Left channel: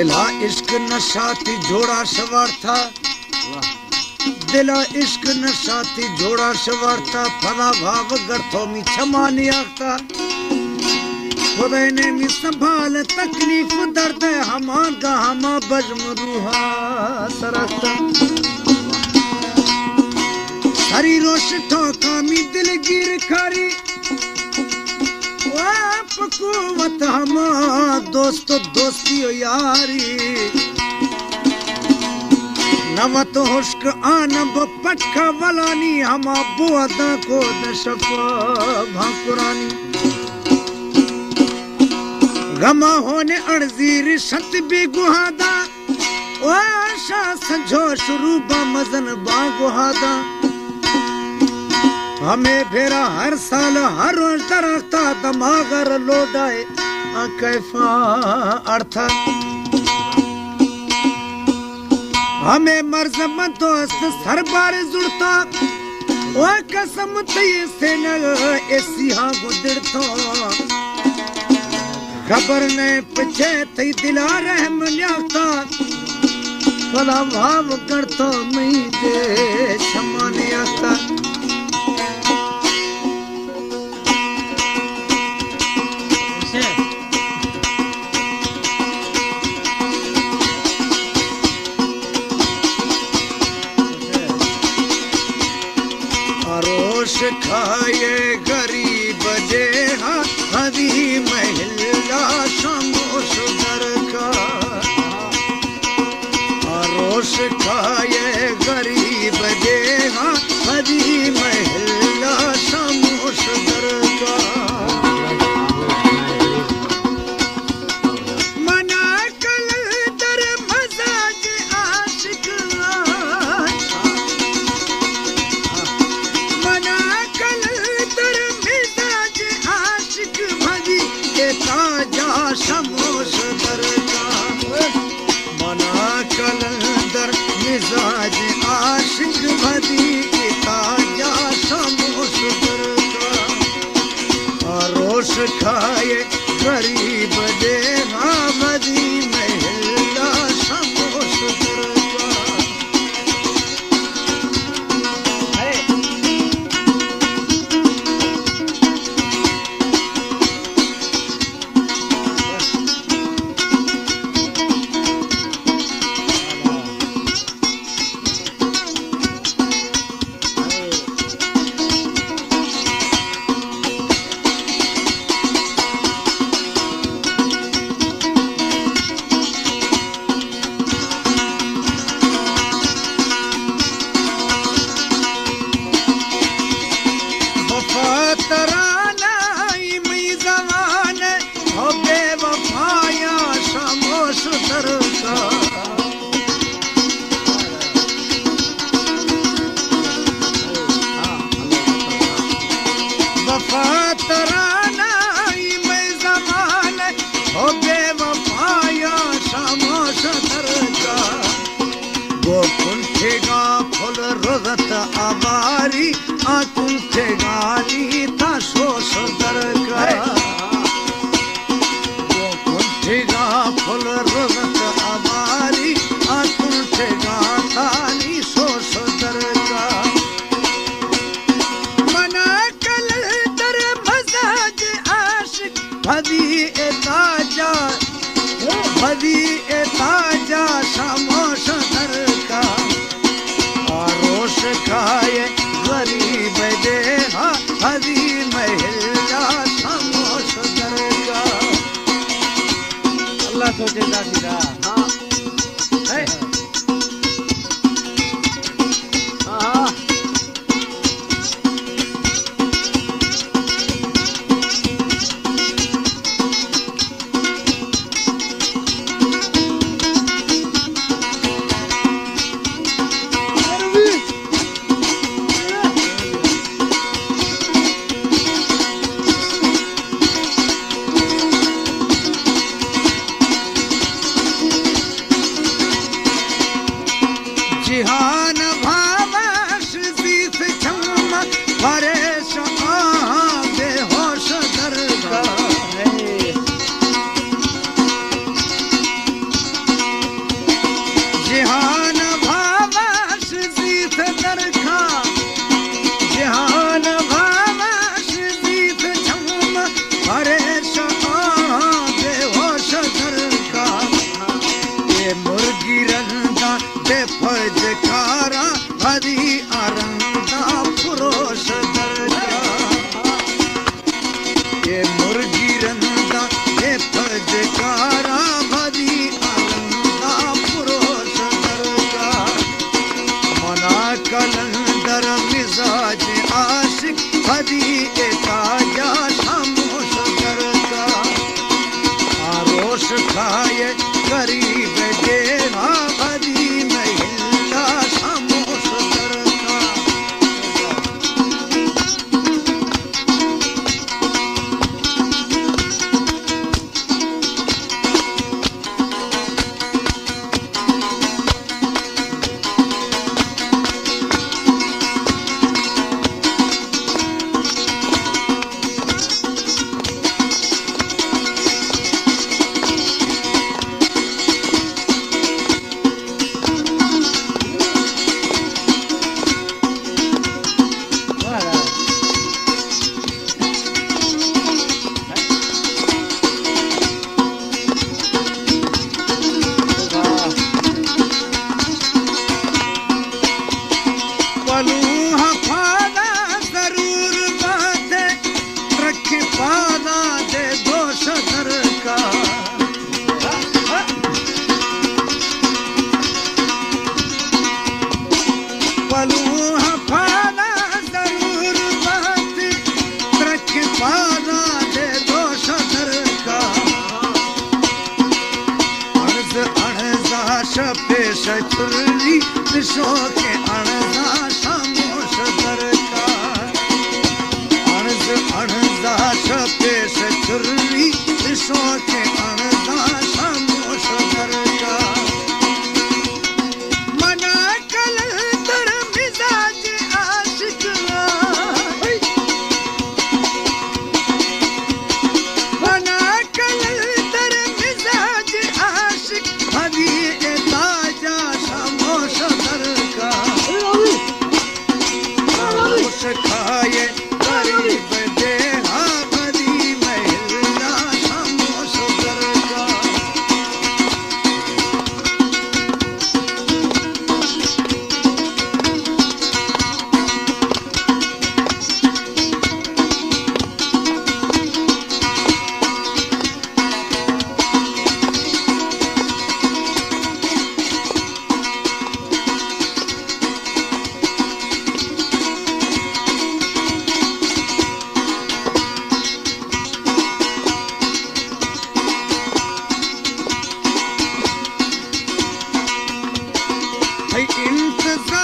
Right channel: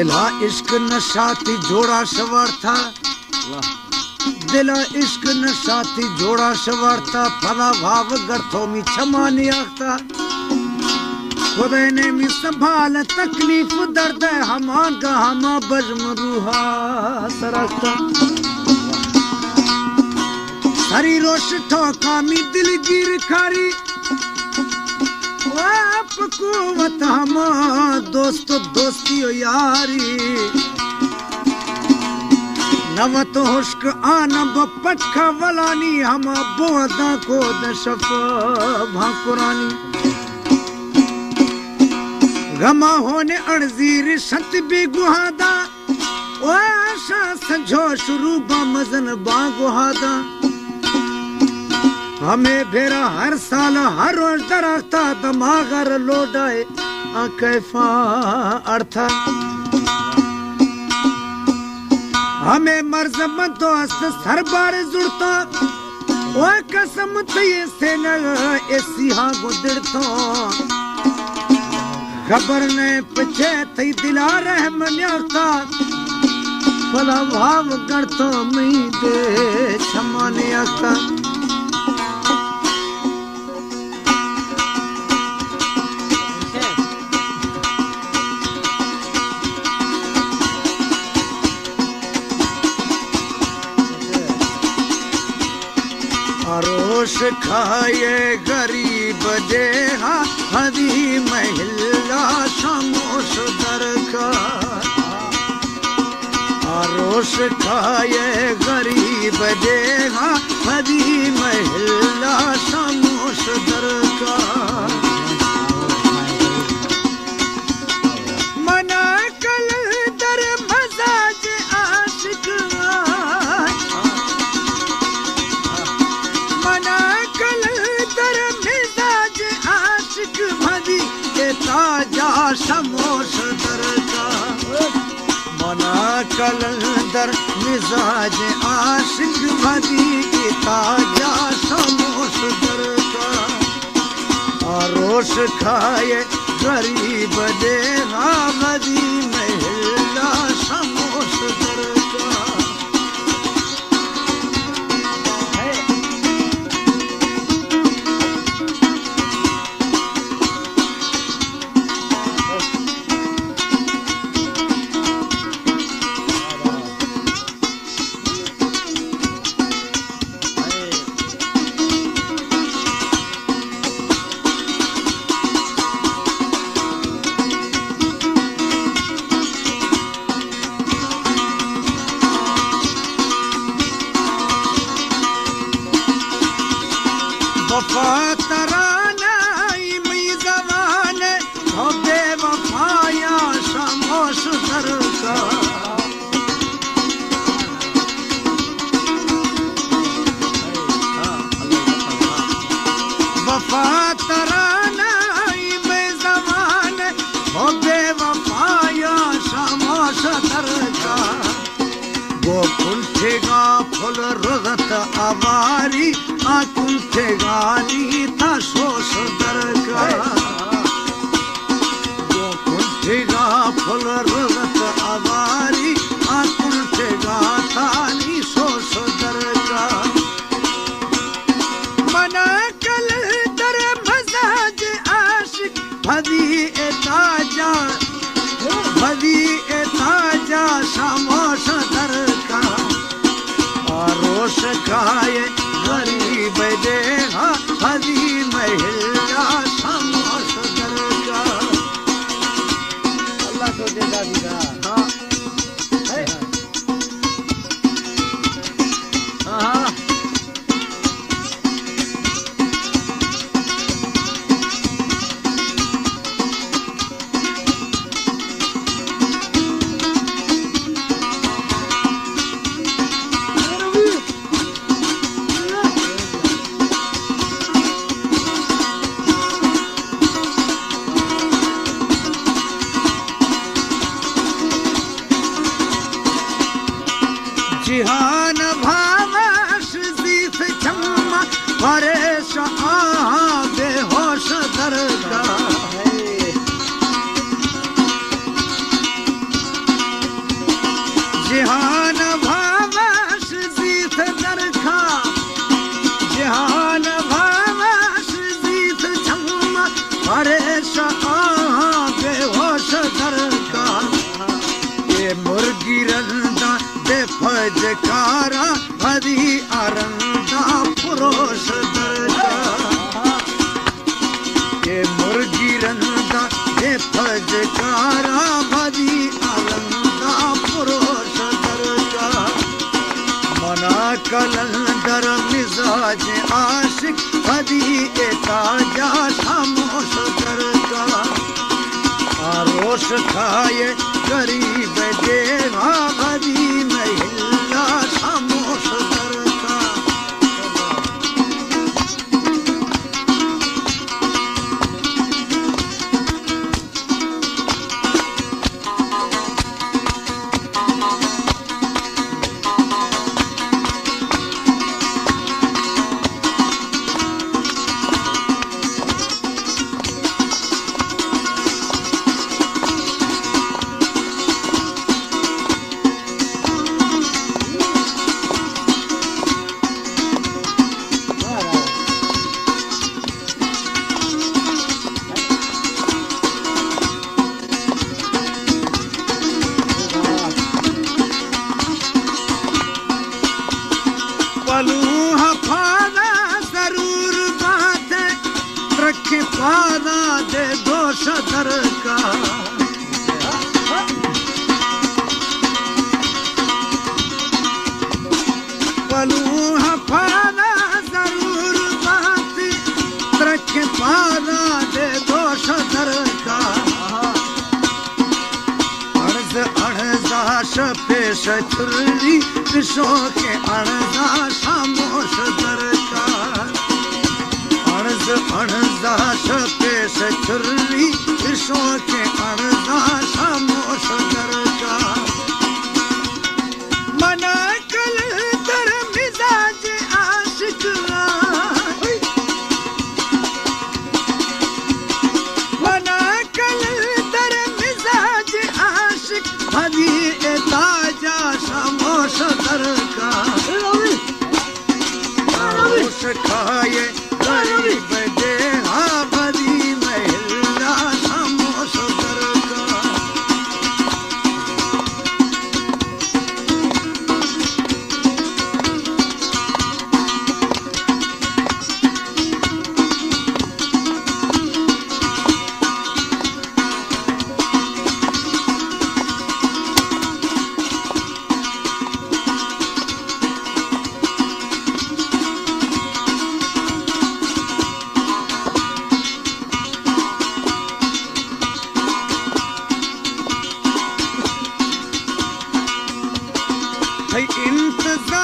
दिला इश्क नशाती जोड़ा सवार था, दिला इश्क नशाती जोड़ा सवार था, फला भाव गर्थों में छमानी आखता, खुदा ने मी संभाल तकलीफ दर्द हमा गहमा बज्म रूहा सरस्ता, हरी रोश ठोकामी दिल गिर खारी कुवत हम दोस्त दोस्ती यारी नवत हुश्क आन बपटका वलानी हम बुअदा को दशप भाकुरानी गमा होने अड़जीर सत भी गुहादा ओ आशा संजोश रूबा मजन बा गुहादा हमें भेरा हर साल हर रोज दरख्ता दमागर लोडाए कैफा अर्थ हमें मर्ज दोस्त सरबार जुड़ता ओ कसम तय से न ऐसी हाँ गुजरता खबर ने पीछे थी दिला रहम न्याता भला भाव करता नहीं दे क्षमाने आता खाए गरीब देहा हरी महिला समोस दर का आरोस खाए गरीब देहा हरी महिला समोस दर का मना कल दर मजाज आशिक समोस दर का मना कलंदर मिजाज आशिक भदी ताजा समोस दर का रोश खाए गरीब देहा भदी महिला समोस दर का खाए गरीब देवा भरी महिला खामोश करता पलूहा फादा जरूर बात है रखे पादा दे दोष दर का पलूहा फादा जरूर बात रखे पादा दे दोष दर का अर्ज अणजाश पेश छुरी विश्व के अणजाश मोश दर का अर्ज अणजाश पेश छुरी विश्व के अणजाश मोश दर का मना कल कर मिजाज आशिक मना कल कर मिजाज आशिक अभी ताजा खामोश दर का खामोश खाए गरीब देहा भरी महिला खामोश दर का इंतजार